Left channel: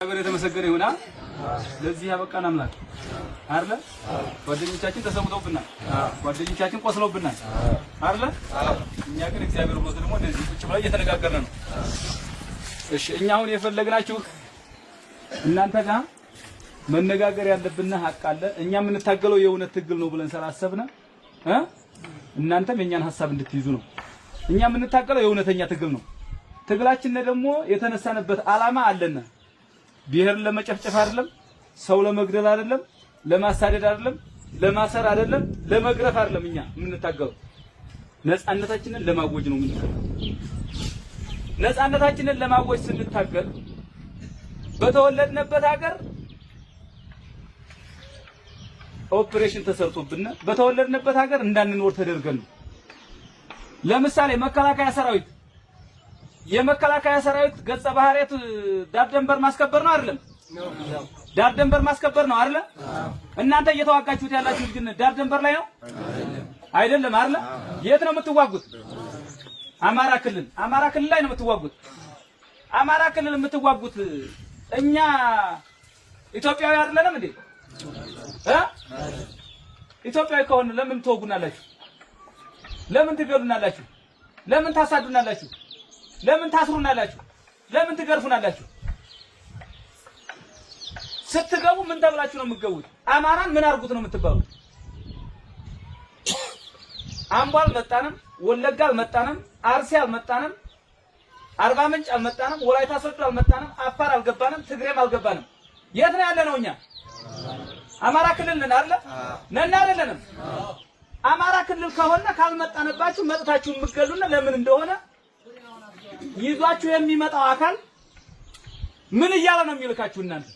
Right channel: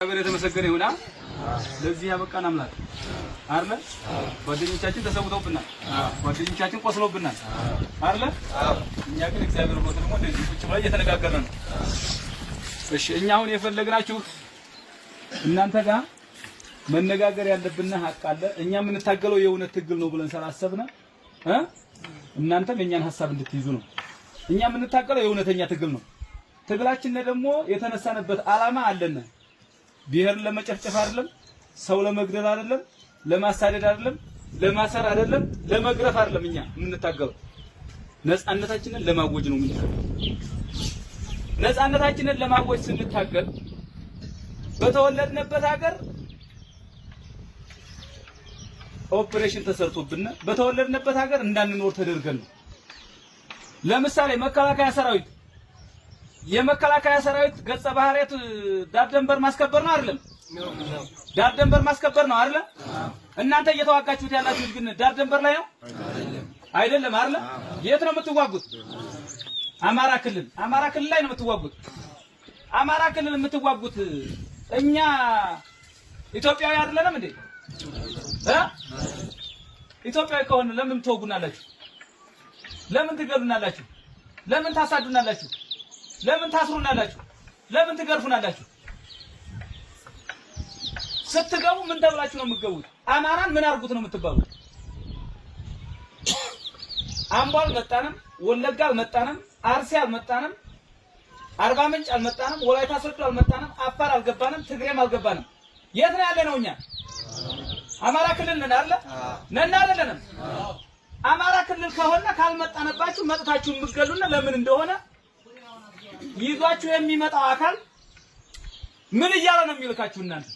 አገር የተመሰገነ ይሁና። ለዚህ ያበቃን አምላክ አይደለ? ጓደኞቻችን ተሰውተውብናል፣ ጓደኞቻችን ቆስለውብናል አይደለ? እኛ ግን እግዚአብሔር ይመስገን ደግሞ እንደዚህ ቁጭ ብለን እየተነጋገርን ነው። እሺ እኛ አሁን የፈለግናችሁ እናንተ ጋር መነጋገር ያለብን ሀቅ አለ። እኛ የምንታገለው የእውነት ትግል ነው ብለን ስላሰብን እናንተም የኛን ሐሳብ እንድትይዙ ነው። እኛ የምንታገለው የእውነተኛ ትግል ነው። ትግላችን ደግሞ የተነሳንበት ዓላማ አለና ብሔር ለመጨፍጨፍ አይደለም፣ ሰው ለመግደል አይደለም፣ ለማሳደድ አይደለም፣ ለማሰር አይደለም፣ ለመግረፍ አይደለም። እኛ የምንታገለው ነፃነታችንን ለማወጅ ነው የምንታገለው። ነፃነታችንን ለማወጅ ስንታገል በተወለድንበት ሀገር ኦፕሬሽን ተሰርቶብን በተወለድንበት ሀገር እንዳንኖር ተደርገን ነው። ለምሳሌ መከላከያ ሰራዊት የመከላከያ ሰራዊት ገጸ ባህሪያት ዳር ድንበር ማስከበር ነው አይደለም? ዳር ድንበር ማስከበር ነው አይደለ? እናንተ እየተዋጋችሁት ያላችሁት ግን ዳር ድንበር ላይ ነው አይደለም አይደለ? የት ነው የምትዋጉት? አማራ ክልል ላይ ነው የምትዋጉት። አማራ ክልል የምትዋጉት እኛ ኢትዮጵያዊ አይደለንም እንዴ? ኢትዮጵያዊ ከሆነ ለምን ትወጉናላችሁ? ለምን ትገሉናላችሁ? ለምን ታሳዱናላችሁ? ለምን ታስሩናላችሁ? ለምን ትገርፉናላችሁ? ስትገቡ ምን ተብላችሁ ነው የምትገቡት? አማራን ምን አርጉት ነው የምትባሉት? አምቦ አልመጣንም፣ ወለጋ አልመጣንም፣ አርሲ አልመጣንም፣ አርባ ምንጭ አልመጣንም፣ ወላይታ ሶዶ አልመጣንም፣ አፋር አልገባንም፣ ትግሬም አልገባንም። የት ነው ያለነው እኛ? አማራ ክልል ነን አይደል? ነን አይደለንም? አማራ ክልል ከሆነ ካልመጣነባችሁ መጥታችሁ የምትገሉና ለምን እንደሆነ ይዟችሁ የሚመጣው አካል ምን እያለ ነው የሚልካችሁ? እናንተ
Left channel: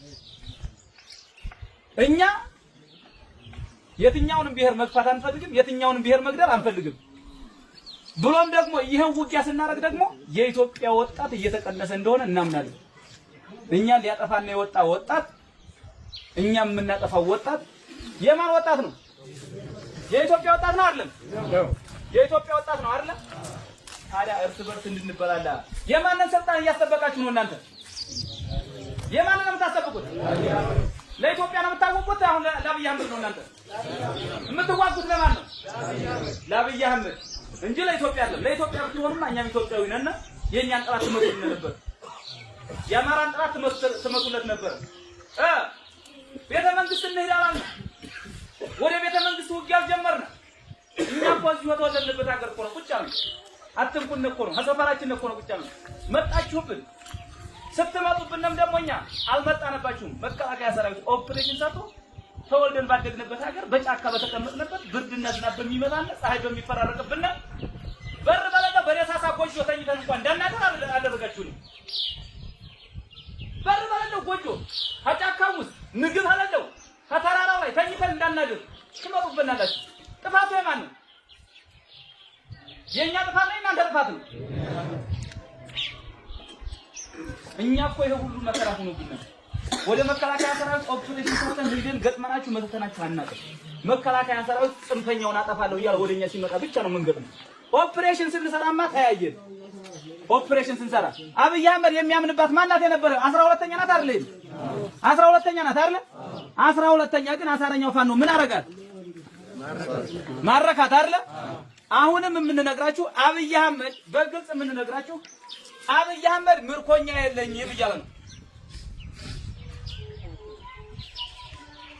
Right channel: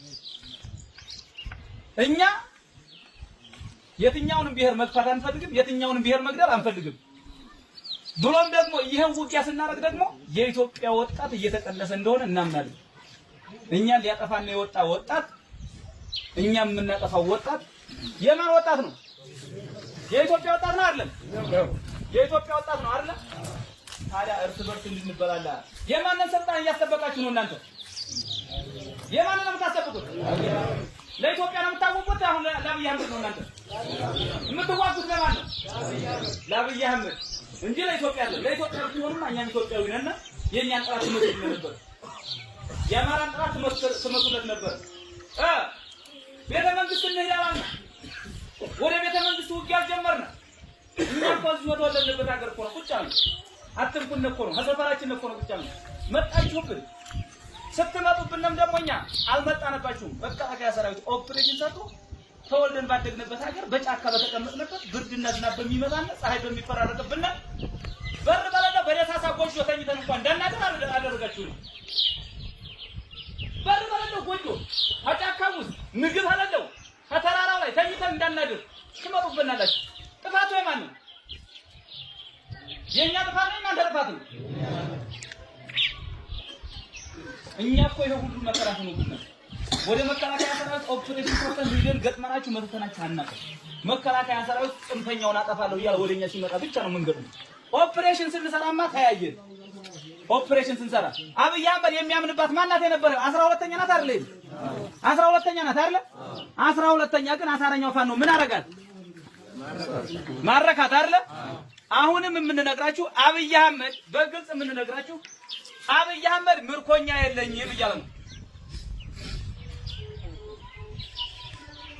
እኛ የትኛውንም ብሔር መግፋት አንፈልግም፣ የትኛውንም ብሔር መግደል አንፈልግም። ብሎም ደግሞ ይሄን ውጊያ ስናደርግ ደግሞ የኢትዮጵያ ወጣት እየተቀነሰ እንደሆነ እናምናለን። እኛን ሊያጠፋና የወጣ ወጣት እኛም የምናጠፋው ወጣት የማን ወጣት ነው? የኢትዮጵያ ወጣት ነው አይደለም? የኢትዮጵያ ወጣት ነው አይደለም? ታዲያ እርስ በርስ እንድንበላላ የማንን ስልጣን እያስጠበቃችሁ ነው እናንተ? የማንን ነው የምታስጠብቁት? ለኢትዮጵያ ነው የምታወቁት? አሁን ለአብይ አህመድ ነው እናንተ የምትዋጉት? ለማን ነው? ለአብይ አህመድ እንጂ ለኢትዮጵያ አይደለም። ለኢትዮጵያ ብትሆንማ እኛም ኢትዮጵያዊ ነን። የኛን ጥራት ትመቱልን ነበር። የአማራን ጥራት ትመቱለት ነበር። ቤተ መንግስት እንሄዳለን። ወደ ቤተ መንግስት ውጊያ ጀመርን። እኛ እኮ እዚህ ወደወለድንበት ሀገር እኮ ነው ቁጭ አልን። አትንኩን እኮ ነው ሀሰፈራችን እኮ ነው ቁጭ አልን። መጣችሁብን። ስትመጡብንም ደግሞ እኛ አልመጣንባችሁም። መከላከያ ሰራዊት ኦፕሬሽን ሰርቶ ተወልደን ባደግንበት ሀገር በጫካ በተቀመጥንበት ብርድና ዝናብ በሚመጣና ፀሐይ በሚፈራረቅብን በር በለጋ በደሳሳ ጎጆ ተኝተን እንኳን እንዳናገር አደረጋችሁ ነው። በር በለጋ ጎጆ አጫካው ውስጥ ምግብ አለለው ከተራራው ላይ ተኝተን እንዳናድር ትመጡብናላችሁ። ጥፋቱ የማን ነው? የኛ ጥፋት ነው? የማን ጥፋት ነው? እኛ እኮ ይሄ ሁሉ መከራ ሆኖብናል። ወደ መከላከያ ሰራዊት ኦፕሬሽን ሰርተን ሄደን ገጥመናችሁ መተናችሁ አናውቅም። መከላከያ ሰራዊት ጽንፈኛውን አጠፋለሁ እያለ ወደኛ ሲመጣ ብቻ ነው የምንገጥመው። ኦፕሬሽን ስንሰራማ ተያየን። ኦፕሬሽን ስንሰራ አብይ አህመድ የሚያምንባት ማናት የነበረው? 12ኛ ናት አይደል? 12ኛ ናት አይደል? 12ኛ ግን አሳረኛው ፋኖ ምን አረጋት? ማረካት አይደል? አሁንም የምንነግራችሁ አብይ አህመድ በግልጽ የምንነግራችሁ አብይ አህመድ ምርኮኛ የለኝም እያለ ነው።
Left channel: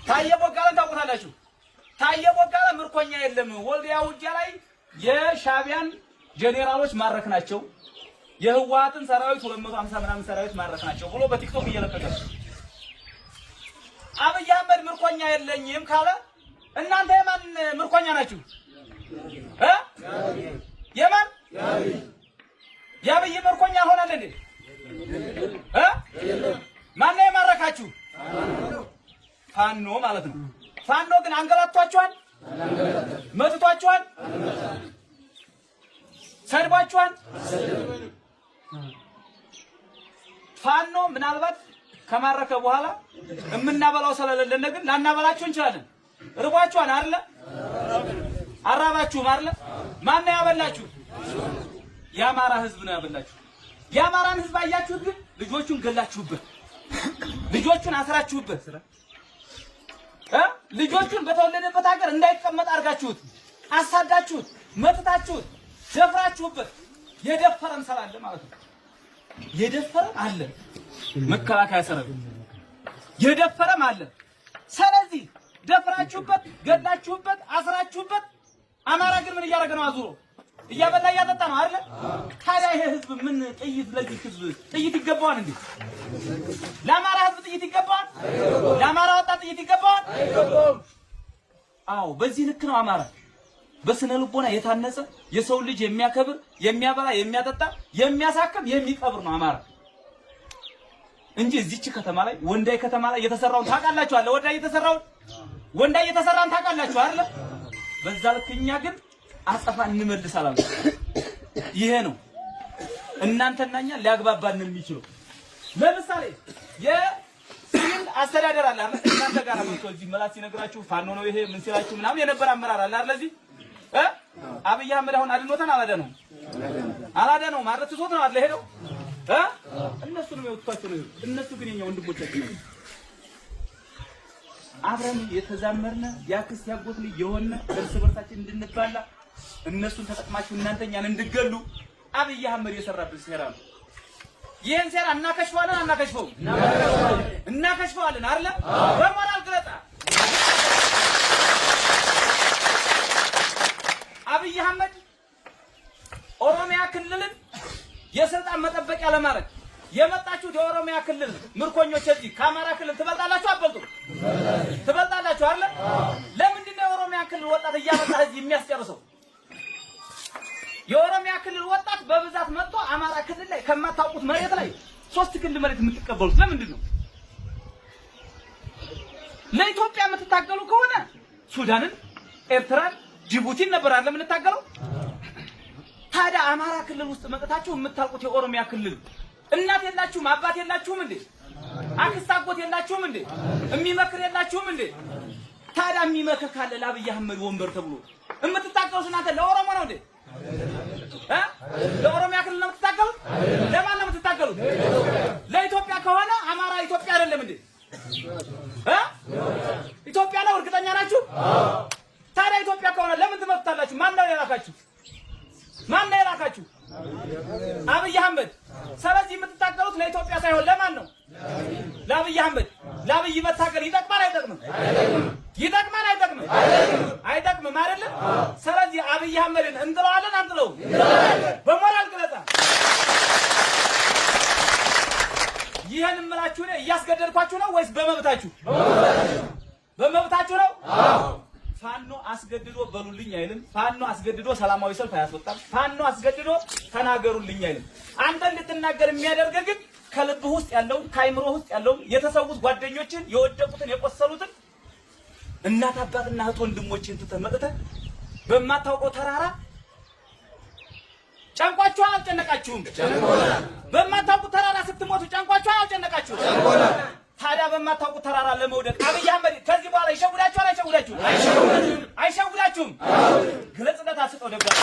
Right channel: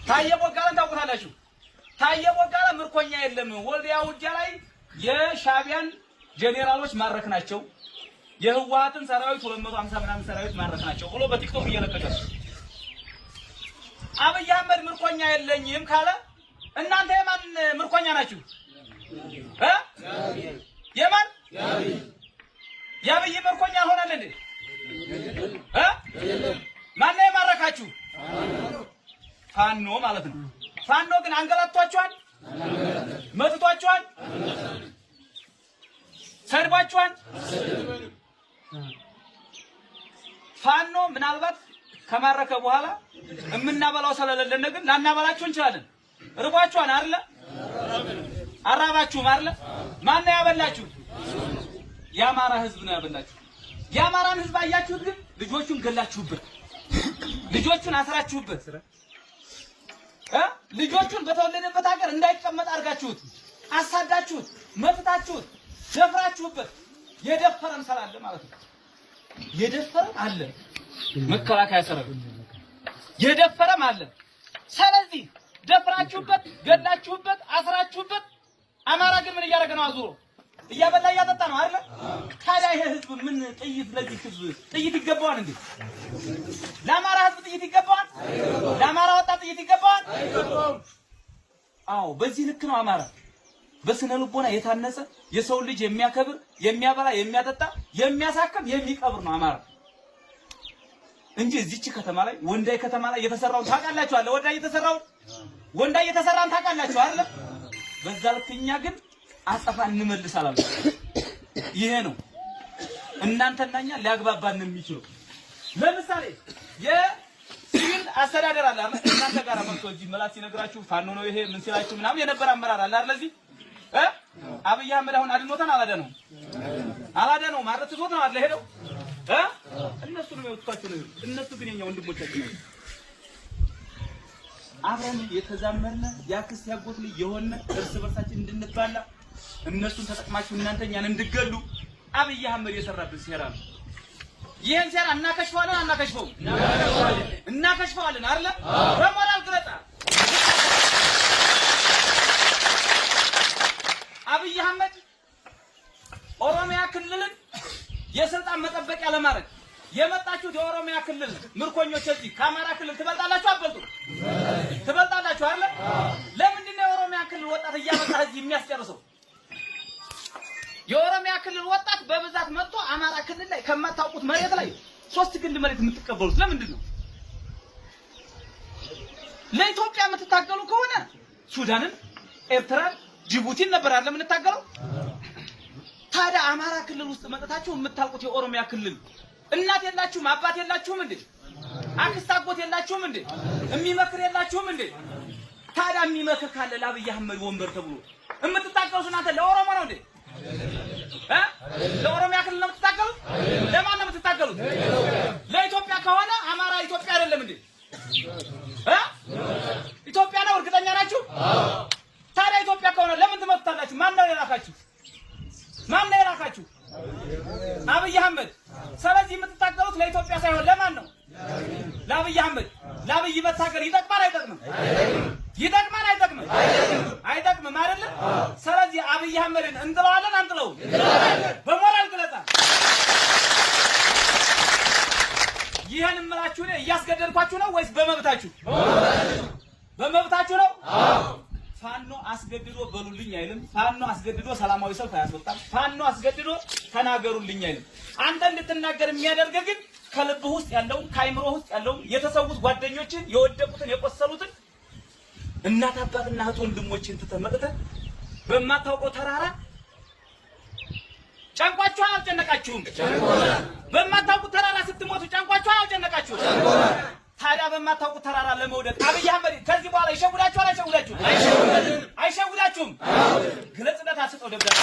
ታየ ቦጋለን ታውቁታላችሁ። ታየ ቦጋለ ምርኮኛ የለም፣ ወልዲያ ውጊያ ላይ የሻቢያን ጄኔራሎች ማረክ ናቸው፣ የህወሓትን ሰራዊት 250 ምናምን ሰራዊት ማረክ ናቸው ብሎ በቲክቶክ እየለቀቀ አብይ አህመድ ምርኮኛ የለኝም ካለ እናንተ የማን ምርኮኛ ናችሁ? የማን የአብይ ምርኮኛ ሆናል እንዴ? ማን ነው የማረካችሁ? ፋኖ ማለት ነው። ፋኖ ግን አንገላቷቸዋል፣ መትቷቸዋል፣ ሰድባቸዋል። ፋኖ ምናልባት ከማረከ በኋላ የምናበላው ስለሌለን ግን ላናበላችሁ እንችላለን። ርቧችኋል አይደለ? አራባችሁም አይደለ? ማን ነው ያበላችሁ? የአማራ ህዝብ ነው ያበላችሁ። የአማራን ህዝብ አያችሁት? ግን ልጆቹን ገላችሁበት። ልጆቹን አስራችሁበት ልጆቹን በተወለደበት ሀገር እንዳይቀመጥ አድርጋችሁት አሳዳችሁት መፍታችሁት ደፍራችሁበት የደፈረም ሰራለ ማለት ነው። የደፈረም አለ መከላከያ ሰራዊት የደፈረም አለ። ስለዚህ ደፍራችሁበት ገላችሁበት አስራችሁበት አማራ ግን ምን እያደረገ ነው? አዙሮ እያበላ እያጠጣ ነው አይደል? ታዲያ ይሄ ህዝብ ምን ጥይት ለዚህ ህዝብ ጥይት ይገባዋል እንዴ? ለአማራ ህዝብ ጥይት ይገባዋል? ለአማራ ወጣት ጥይት ይገባዋል? አዎ በዚህ ልክ ነው አማራ በስነ ልቦና የታነጸ የሰው ልጅ የሚያከብር የሚያበላ የሚያጠጣ የሚያሳክም የሚቀብር ነው አማራ እንጂ እዚች ከተማ ላይ ወንዳይ ከተማ ላይ የተሰራውን ታውቃላችሁ አለ ወንዳይ የተሰራን ታውቃላችሁ አይደል? በዛ ልክ እኛ ግን አጸፋ እንመልሳለን። ይሄ ነው እናንተና እኛ ሊያግባባን የሚችል። ለምሳሌ የሲቪል አስተዳደር አለ እናንተ ጋር መጥቶ እዚህ መላስ ሲነግራችሁ ፋኖ ነው ይሄ ምን ሲላችሁ ምናምን የነበረ አመራር አለ አይደል? እዚህ አብይ አህመድ አሁን አድኖተን አላደነው ማለት ትቶት ነው አይደል? ሄደው እነሱ ነው የወጣቸው ነው። እነሱ ግን የኛ ወንድሞቻችን ነው። አብረን የተዛመርነ ያክስ ያጎት ልጅ የሆነ እርስ በርሳችን እንድንባላ እነሱን ተጠቅማችሁ እናንተ እኛን እንድገሉ አብይ አህመድ የሰራብን ሴራ ነው። ይሄን ሴራ እናከሽፋለን አይደል? በሞራል ግለጣ አብይ አህመድ ኦሮሚያ ክልልን የስልጣን መጠበቂያ ለማድረግ የመጣችሁት የኦሮሚያ ክልል ምርኮኞች እዚህ ከአማራ ክልል ትበልጣላችሁ አትበልጡም? ትበልጣላችሁ አይደል? ለምንድን ነው የኦሮሚያ ክልል ወጣት እያመጣ እዚህ የሚያስጨርሰው? የኦሮሚያ ክልል ወጣት በብዛት መጥቶ አማራ ክልል ላይ ከማታውቁት መሬት ላይ 3 ክንድ መሬት የምትቀበሉት ለምንድን ነው? ለኢትዮጵያ የምትታገሉ ከሆነ ሱዳንን፣ ኤርትራን፣ ጅቡቲን ነበር አይደል የምንታገለው? ታዲያ አማራ ክልል ውስጥ መጥታችሁ የምታውቁት የኦሮሚያ ክልል እናት የላችሁም? አባት የላችሁም እንዴ? አክስት አጎት የላችሁም እንዴ? የሚመክር የላችሁም እንዴ? ታዲያ የሚመክር ካለ ለአብይ አህመድ ወንበር ተብሎ የምትታገሉት እናንተ ለኦሮሞ ነው እንዴ? ለኦሮሚያ ክልል ነው የምትታገሉት? ለማን ነው የምትታገሉት? ለኢትዮጵያ ከሆነ አማራ ኢትዮጵያ አይደለም እንዴ? ኢትዮጵያ ነው። እርግጠኛ ናችሁ? ታዲያ ኢትዮጵያ ከሆነ ለምን ትመጣላችሁ? ማን ነው የላካችሁ? አብይ አህመድ። ስለዚህ የምትታገሉት ለኢትዮጵያ ሳይሆን ለማን ነው? ለአብይ አህመድ። ለአብይ መታገል ይጠቅማል አይጠቅምም? ይጠቅማል አይጠቅምም? አይጠቅምም አይደል? ስለዚህ አብይ አህመድን እንጥለዋለን አንጥለውም? በሞራል ግለጣ ይሄን እምላችሁ ነው። እያስገደድኳችሁ ነው ወይስ በመብታችሁ? በመብታችሁ ነው። ፋኖ አስገድዶ በሉልኝ አይልም። ፋኖ አስገድዶ ሰላማዊ ሰልፍ አያስወጣም። ፋኖ አስገድዶ ተናገሩልኝ አይልም። አንተ እንድትናገር የሚያደርግ ግን ከልብህ ውስጥ ያለውን ከአይምሮ ውስጥ ያለውን የተሰዉት ጓደኞችን የወደቁትን የቆሰሉትን እናት አባትና እህት ወንድሞችን ተመጥተህ በማታውቀው ተራራ ጫንቋችሁ አልጨነቃችሁም? በማታውቁት ተራራ ስትሞቱ ጫንቋችሁ አልጨነቃችሁም? ታዲያ በማታውቁት ተራራ ለመውደቅ አብይ አህመድ ከዚህ በኋላ ይሸውዳችኋል? አይሸውዳችሁም? ግለጽነት አስጠው ደብዳቤ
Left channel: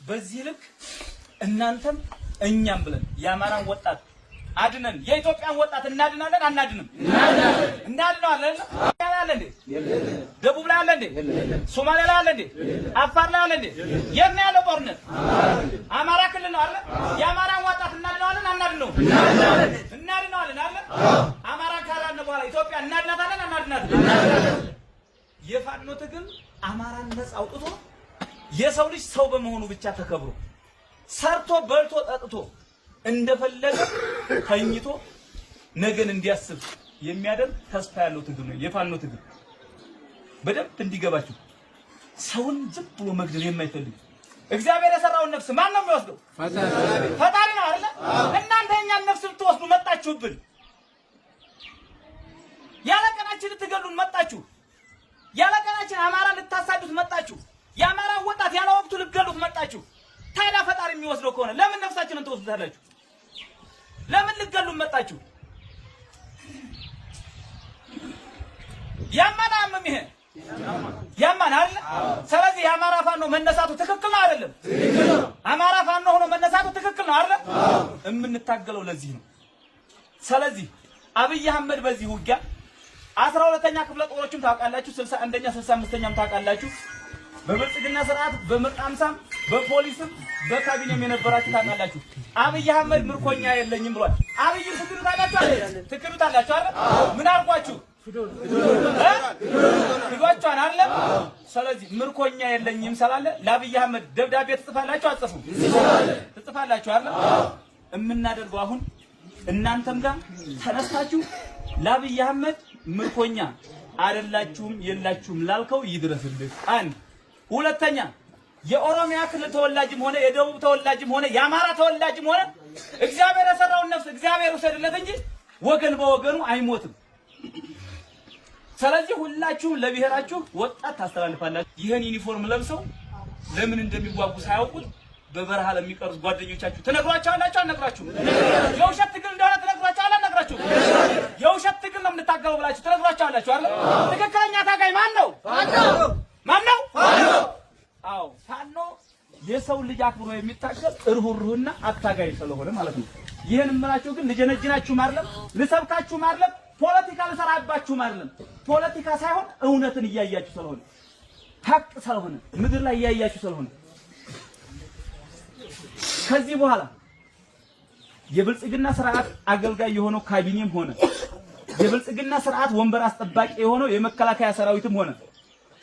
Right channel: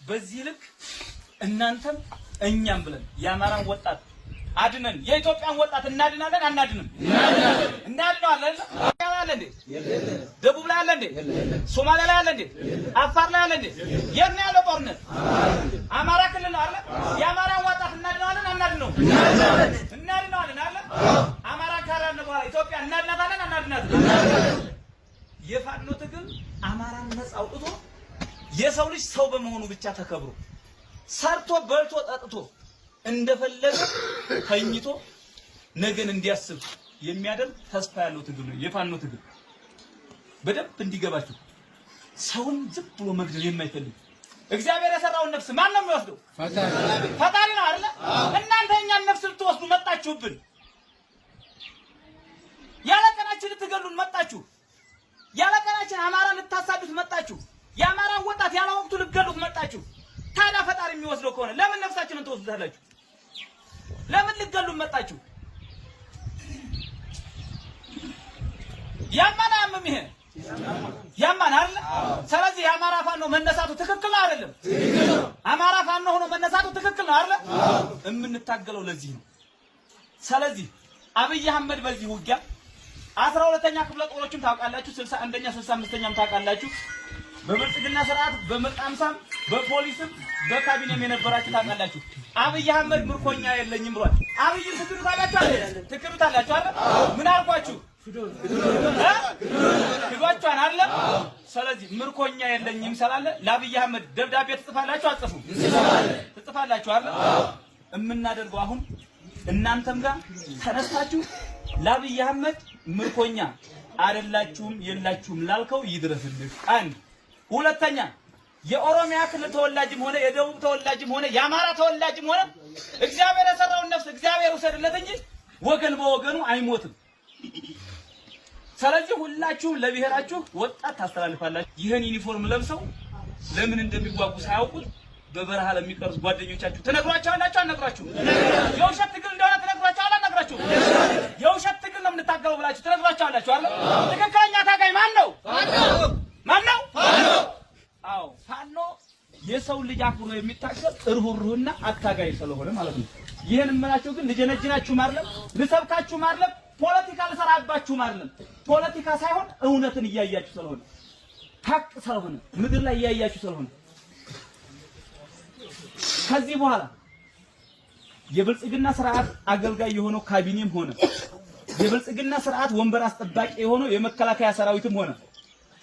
በዚህ ልክ እናንተም እኛም ብለን የአማራን ወጣት አድነን የኢትዮጵያን ወጣት እናድናለን አናድንም? እናድናለን። አለ እንዴ? ደቡብ ላይ አለ እንዴ? ሶማሊያ ላይ አለ እንዴ? አፋር ላይ አለ እንዴ? የት ነው ያለው ጦርነት? አማራ ክልል ነው አይደል? የአማራን ወጣት እናድናለን አናድነው? እናድናለን አይደል? አማራ ካራነ በኋላ ኢትዮጵያ እናድናታለን አናድናታለን? የፋኖ ትግል አማራን ነፃ አውጥቶ የሰው ልጅ ሰው በመሆኑ ብቻ ተከብሮ ሰርቶ በልቶ ጠጥቶ እንደፈለገ ተኝቶ ነገን እንዲያስብ የሚያደርግ ተስፋ ያለው ትግል ነው የፋኖ ትግል። በደንብ እንዲገባችሁ ሰውን ዝም ብሎ መግደል የማይፈልግ እግዚአብሔር የሰራውን ነፍስ ማን ነው የሚወስደው? ፈጣሪ ነው አይደል? እናንተ የኛን ነፍስ ልትወስዱ መጣችሁብን። ያለቀናችን ልትገሉን መጣችሁ። ያለቀናችን አማራን ልታሳዱት መጣችሁ። የአማራ ወጣት ያለ ወቅቱ ልትገሉት መጣችሁ። ታዲያ ፈጣሪ የሚወስደው ከሆነ ለምን ነፍሳችንን ትወስዳላችሁ? ለምን ልትገሉን መጣችሁ? ያማናም ይሄ ያማን አይደል? ስለዚህ የአማራ ፋኖ መነሳቱ ትክክል ነው አይደለም? አማራ ፋኖ ሆኖ መነሳቱ ትክክል ነው አይደል? የምንታገለው ለዚህ ነው። ስለዚህ አብይ አህመድ በዚህ ውጊያ 12ኛ ክፍለ ጦሮችም ታውቃላችሁ፣ 61ኛ 65ኛም ታውቃላችሁ። በብልጽግና ስርዓት በመጣምሳም በፖሊስም በካቢኔም የነበራችሁ ታውቃላችሁ። አብይ አህመድ ምርኮኛ የለኝም ብሏል። አብይ ትክዱታላችሁ አይደል? ትክዱታላችሁ አይደል? ምን አልኳችሁ? ክዷችኋን አለ። ስለዚህ ምርኮኛ የለኝም ስላለ ለአብይ አህመድ ደብዳቤ ትጽፋላችሁ አትጽፉም? ትጽፋላችሁ አይደል? የምናደርገው አሁን እናንተም ጋር ተነስታችሁ ለአብይ አህመድ ምርኮኛ አይደላችሁም የላችሁም ላልከው ይድረስልህ። አንድ ሁለተኛ የኦሮሚያ ክልል ተወላጅም ሆነ የደቡብ ተወላጅም ሆነ የአማራ ተወላጅም ሆነ እግዚአብሔር የሰራውን ነፍስ እግዚአብሔር ውሰድለት እንጂ ወገን በወገኑ አይሞትም። ስለዚህ ሁላችሁም ለብሔራችሁ ወጣት ታስተላልፋላችሁ። ይህን ዩኒፎርም ለብሰው ለምን እንደሚጓጉ ሳያውቁት በበረሃ ለሚቀሩት ጓደኞቻችሁ ትነግሯቸዋላችሁ አልነግራችሁም? የውሸት ትግል እንደሆነ ትነግሯቸዋላችሁ አልነግራችሁም? የውሸት ትግል ነው የምንታገለው ብላችሁ ትነግሯቸዋላችሁ አይደል? ትክክለኛ ታጋይ ማን ነው? ማን ነው? አዎ ፋኖ የሰው ልጅ አክብሮ የሚታገል እርሁሩህና አታጋይ ስለሆነ ማለት ነው። ይሄን እምላችሁ ግን ልጀነጅናችሁ አይደለም፣ ልሰብካችሁ አይደለም፣ ፖለቲካ ልሰራባችሁ አይደለም። ፖለቲካ ሳይሆን እውነትን እያያችሁ ስለሆነ ሀቅ ስለሆነ ምድር ላይ እያያችሁ ስለሆነ ከዚህ በኋላ የብልጽግና ስርዓት አገልጋይ የሆነው ካቢኔም ሆነ የብልጽግና ስርዓት ወንበር አስጠባቂ የሆነው የመከላከያ ሰራዊትም ሆነ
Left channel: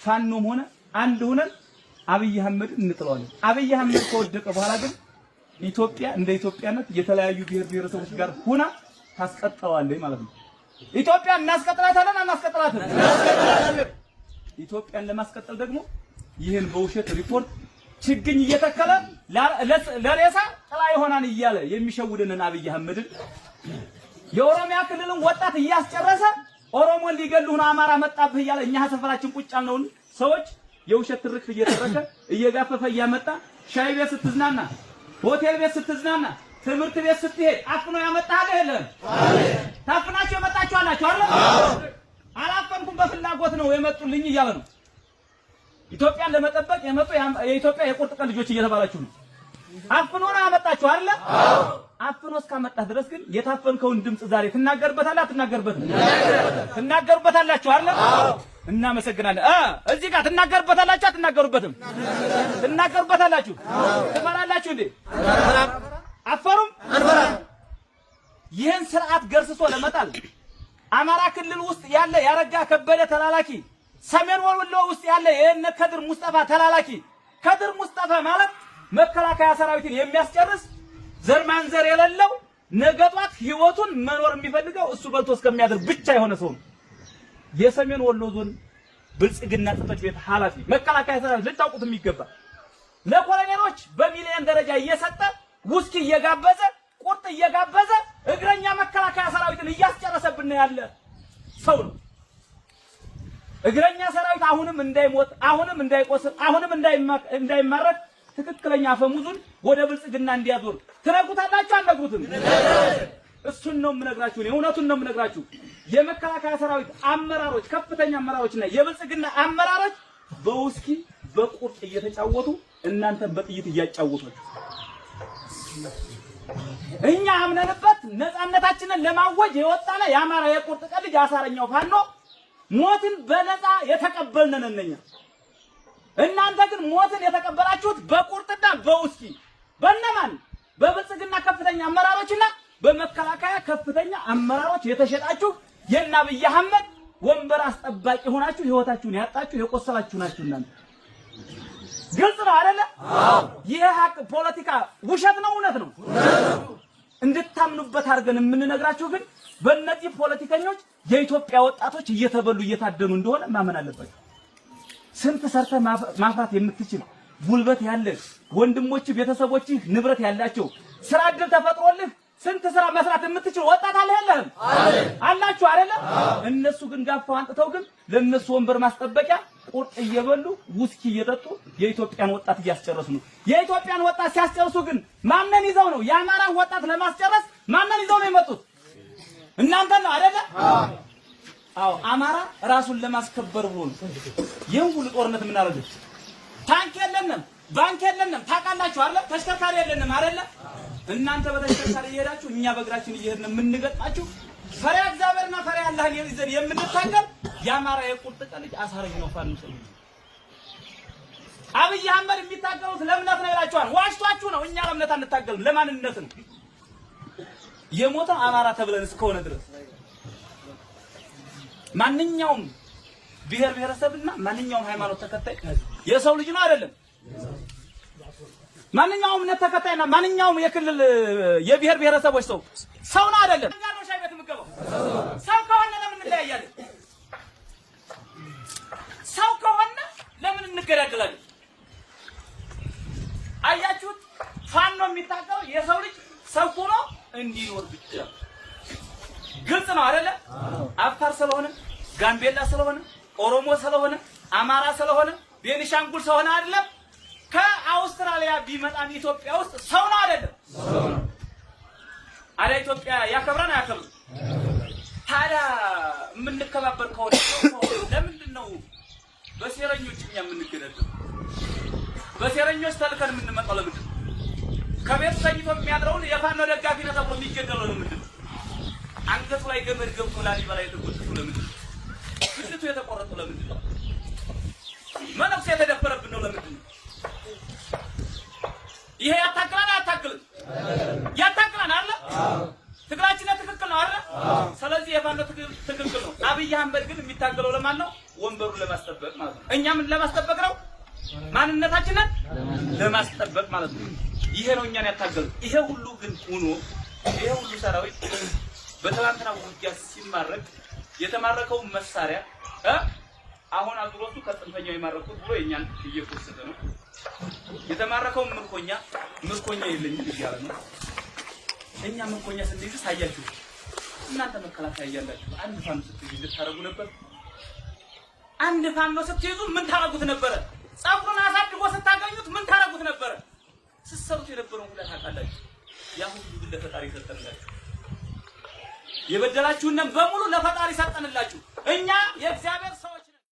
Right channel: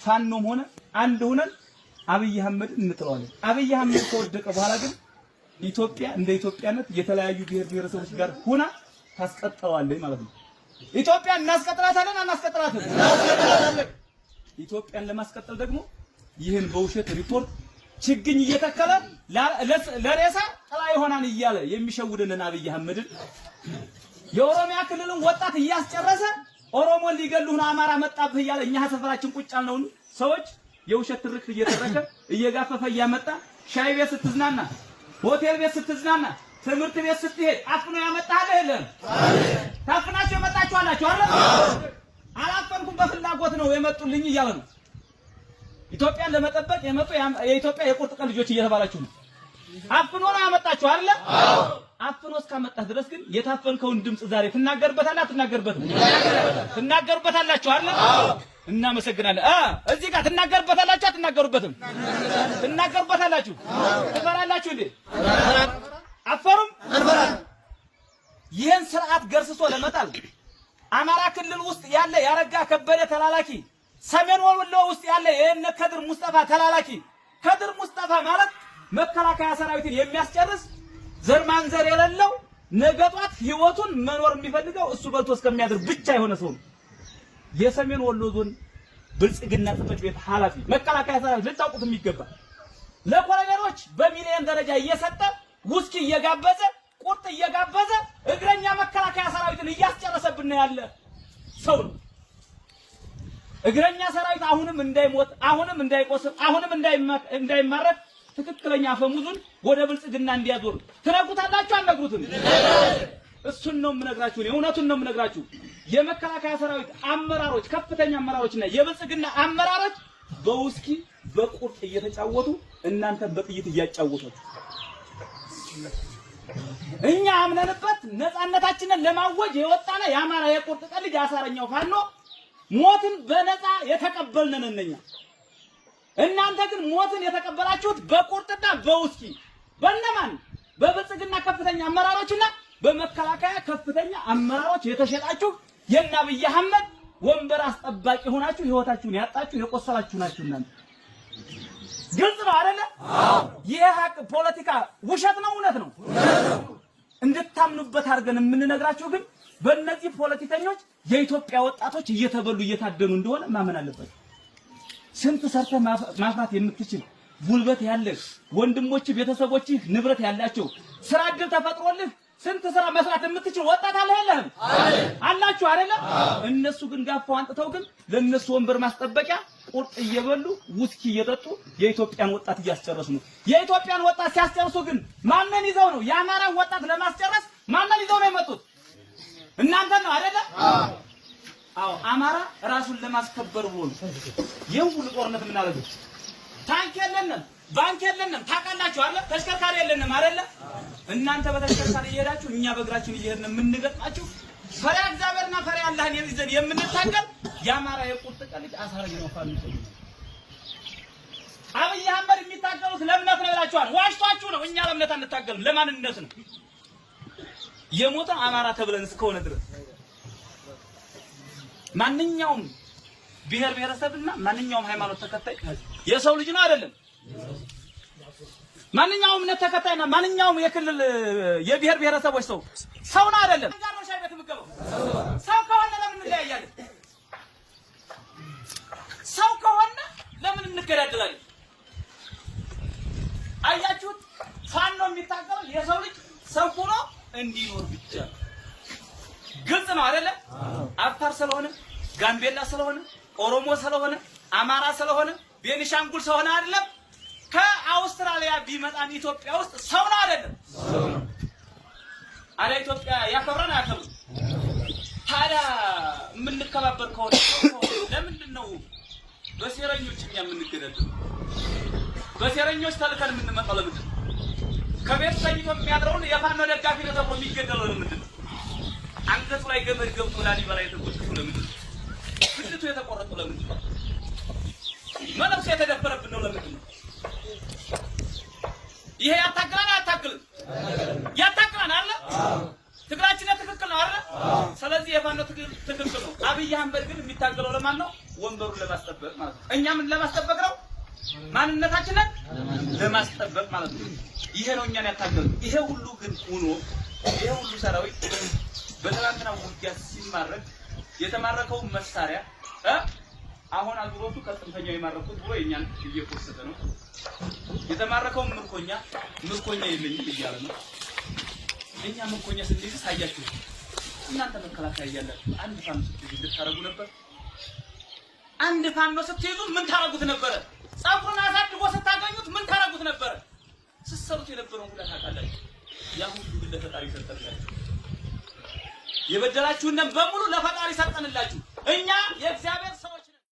ፋኖም ሆነ አንድ ሆነን አብይ አህመድን እንጥለዋለን። አብይ አህመድ ከወደቀ በኋላ ግን ኢትዮጵያ እንደ ኢትዮጵያነት የተለያዩ ብሔር ብሔረሰቦች ጋር ሆና ታስቀጥለዋለች ማለት ነው። ኢትዮጵያን እናስቀጥላታለን አናስቀጥላትም? ኢትዮጵያን ለማስቀጠል ደግሞ ይህን በውሸት ሪፖርት ችግኝ እየተከለ ለሬሳ ጥላ ይሆናል እያለ የሚሸውድንን አብይ አህመድን የኦሮሚያ ክልልን ወጣት እያስጨረሰ ኦሮሞን ሊገሉህ ነው አማራ መጣብህ እያለ እኛ ሰፈራችን ቁጭ ያልነውን ሰዎች የውሸት ትርክት እየተረከ እየጋፈፈ እያመጣ ሻይ ቤት ስትዝናና፣ ሆቴል ቤት ስትዝናና፣ ትምህርት ቤት ስትሄድ አፍኖ ያመጣህ አይደለም? ታፍናችሁ የመጣችሁ አላችሁ አይደል? አላፈንኩም በፍላጎት ነው የመጡልኝ እያለ ነው። ኢትዮጵያን ለመጠበቅ የመጡ የኢትዮጵያ የቁርጥ ቀን ልጆች እየተባላችሁ ነው። አፍኖ ነው ያመጣችሁ አይደል? አፍኖ እስካመጣህ ድረስ ግን የታፈንከውን ድምጽ ዛሬ ትናገርበታለህ አትናገርበትም? ትናገርበታላችሁ አይደል? እናመሰግናለን። እዚህ ጋር ትናገርበታላችሁ አትናገሩበትም? ትናገርበታላችሁ። ትፈራላችሁ እንዴ? አፈሩም አንፈራም። ይህን ስርዓት ገርስሶ ለመጣል አማራ ክልል ውስጥ ያለ ያረጋ ከበደ ተላላኪ፣ ሰሜን ወሎ ውስጥ ያለ የነ ከድር ሙስጠፋ ተላላኪ፣ ከድር ሙስጠፋ ማለት መከላከያ ሰራዊትን የሚያስጨርስ ዘር ማንዘር የሌለው ነገጧት ህይወቱን መኖር የሚፈልገው እሱ በልቶ እስከሚያድር ብቻ የሆነ ሰው ነው። የሰሜን ወሎ ዞን ብልጽግና ጽሕፈት ቤት ኃላፊ መከላከያ ሰራዊት ልታውቁት የሚገባ ለኮሎኔሎች በሚሊዮን ደረጃ እየሰጠ ውስኪ እየጋበዘ ቁርጥ እየጋበዘ እግረኛ መከላከያ ሰራዊትን እያስጨረሰብን ያለ ሰው ነው። እግረኛ ሰራዊት አሁንም እንዳይሞት፣ አሁንም እንዳይቆስል፣ አሁንም እንዳይማረክ ትክክለኛ አፈሙዙን ወደ ብልጽግና እንዲያዞር ትነግሩታላችሁ አይነግሩትም? እሱን ነው የምነግራችሁ፣ እውነቱን ነው የምነግራችሁ። የመከላከያ ሰራዊት አመራሮች፣ ከፍተኛ አመራሮችና የብልጽግና አመራሮች በውስኪ በቁርጥ እየተጫወቱ እናንተን በጥይት እያጫወቷችሁ እኛ አምነንበት ነፃነታችንን ለማወጅ የወጣነ የአማራ የቁርጥ ቀን ልጅ አሳረኛው ፋኖ ሞትን በነፃ የተቀበልን ነን። እናንተ ግን ሞትን የተቀበላችሁት በቁርጥና በውስኪ በእነማን? በብልጽግና ከፍተኛ አመራሮችና በመከላከያ ከፍተኛ አመራሮች የተሸጣችሁ የእነ አብይ አህመድ ወንበር አስጠባቂ ሆናችሁ ህይወታችሁን ያጣችሁ የቆሰላችሁ ናችሁ እናንተ። ግልጽ ነው አይደለ? ይሄ ሀቅ ፖለቲካ ውሸት ነው እውነት ነው እንድታምኑበት አድርገን የምንነግራችሁ ግን በእነዚህ ፖለቲከኞች የኢትዮጵያ ወጣቶች እየተበሉ እየታደኑ እንደሆነ ማመን አለባችሁ። ስንት ሰርተህ ማፍራት የምትችል ጉልበት ያለህ ወንድሞች፣ ቤተሰቦች፣ ንብረት ያላቸው ስራ እድል ተፈጥሮልህ ስንት ስራ መስራት የምትችል ወጣት አለ የለህም? አላችሁ አይደለ? እነሱ ግን ጋፋው አንጥተው ግን ለነሱ ወንበር ማስጠበቂያ ቁርጥ እየበሉ ውስኪ እየጠጡ የኢትዮጵያን ወጣት እያስጨረሱ ነው። የኢትዮጵያን ወጣት ሲያስጨርሱ ግን ማንን ይዘው ነው? የአማራ ወጣት ለማስጨረስ ማንን ይዘው ነው የመጡት? እናንተ ነው አይደለ? አዎ አማራ ራሱን ለማስከበር ብሎ ይሄን ሁሉ ጦርነት የምናደርገው። ታንክ የለንም፣ ባንክ የለንም፣ ታውቃላችሁ አይደል? ተሽከርካሪ የለንም አይደል? እናንተ በተሽከርካሪ እየሄዳችሁ እኛ በእግራችን እየሄድን የምንገጣችሁ ፈሪያ እግዚአብሔርና ፈሪያ አላህን ይዘን የምንታገል የአማራ የቁርጥ ቀን ልጅ አሳረገ ነው። ፋኖ አብይ አህመድ የሚታገሉት ለእምነት ነው ይላችኋል። ዋሽቷችሁ ነው። እኛ ለእምነት አንታገልም፣ ለማንነት ነው። የሞተው አማራ ተብለን እስከሆነ ድረስ ማንኛውም ብሔር ብሔረሰብና ማንኛውም ሃይማኖት ተከታይ የሰው ልጅ ነው አይደለም? ማንኛውም እምነት ተከታይና ማንኛውም የክልል የብሔር ብሔረሰቦች ሰው ነው አይደለም? ሰው ከሆነ ለምን እንለያያለን? ሰው ከሆነ ለምን እንገዳደላለን? አያችሁት? ፋኖ የሚታገለው የሰው ልጅ ሰው ሆኖ እንዲኖር ብቻ። ግልጽ ነው አይደለ? አፋር ስለሆነ፣ ጋምቤላ ስለሆነ፣ ኦሮሞ ስለሆነ፣ አማራ ስለሆነ፣ ቤኒሻንጉል ስለሆነ አይደለም። ከአውስትራሊያ ቢመጣም ኢትዮጵያ ውስጥ ሰው ነው አይደለም? አረ ኢትዮጵያ ያከብራን አያከብርም? ታዲያ የምንከባበር ከሆነ ለምንድን ነው በሴረኞች እኛ የምንገደለው? በሴረኞች ተልከን የምንመጣው ለምንድን ነው? ከቤት ሰይቶ የሚያድረውን የፋኖ ደጋፊ ነው ተብሎ የሚገደለው ለምንድን ነው? አንገቱ ላይ ገመድ ገብቶ ላሊበላ የተጎተተው ለምንድን ነው? ግድቱ የተቆረጠው ለምንድን ነው? መነኩሴ የተደፈረብን ነው ለምንድን ነው? ይሄ ያታግላን አያታግልም? ያታግላን አለ። ትግራችን ትክክል ነው አይደል? ስለዚህ የፋኖ ትክክል ነው። አብይ አህመድ ግን የሚታገለው ለማን ነው? ወንበሩን ለማስጠበቅ ማለት ነው። እኛ ምን ለማስጠበቅ ነው? ማንነታችንን ለማስጠበቅ ማለት ነው። ይሄ ነው እኛን ያታገለው። ይሄ ሁሉ ግን ሆኖ ይሄ ሁሉ ሰራዊት በትናንትናው ውጊያ ሲማረክ የተማረከው መሳሪያ አሁን አግሮቱ ከጥንፈኛው የማረኩት ብሎ የኛን እየቆሰተ ነው። የተማረከው ምርኮኛ የለኝም እያለ ነው። እኛ ምርኮኛ ስንይዝ ሳያችሁ እናንተ መከላከያ እያላችሁ አንድ ፋኖ ስትይዙ ታረጉ ነበር። አንድ ፋኖ ስትይዙ ምን ታረጉት ነበረ? ጸጉሩን አሳድጎ ስታገኙት ምን ታረጉት ነበረ? ስትሰሩት የነበረውን ሁሉ ታውቃላችሁ። ያ ሁሉ ለፈጣሪ ሰጠላችሁ። የበደላችሁን በሙሉ ለፈጣሪ ሰጠንላችሁ። እኛ የእግዚአብሔር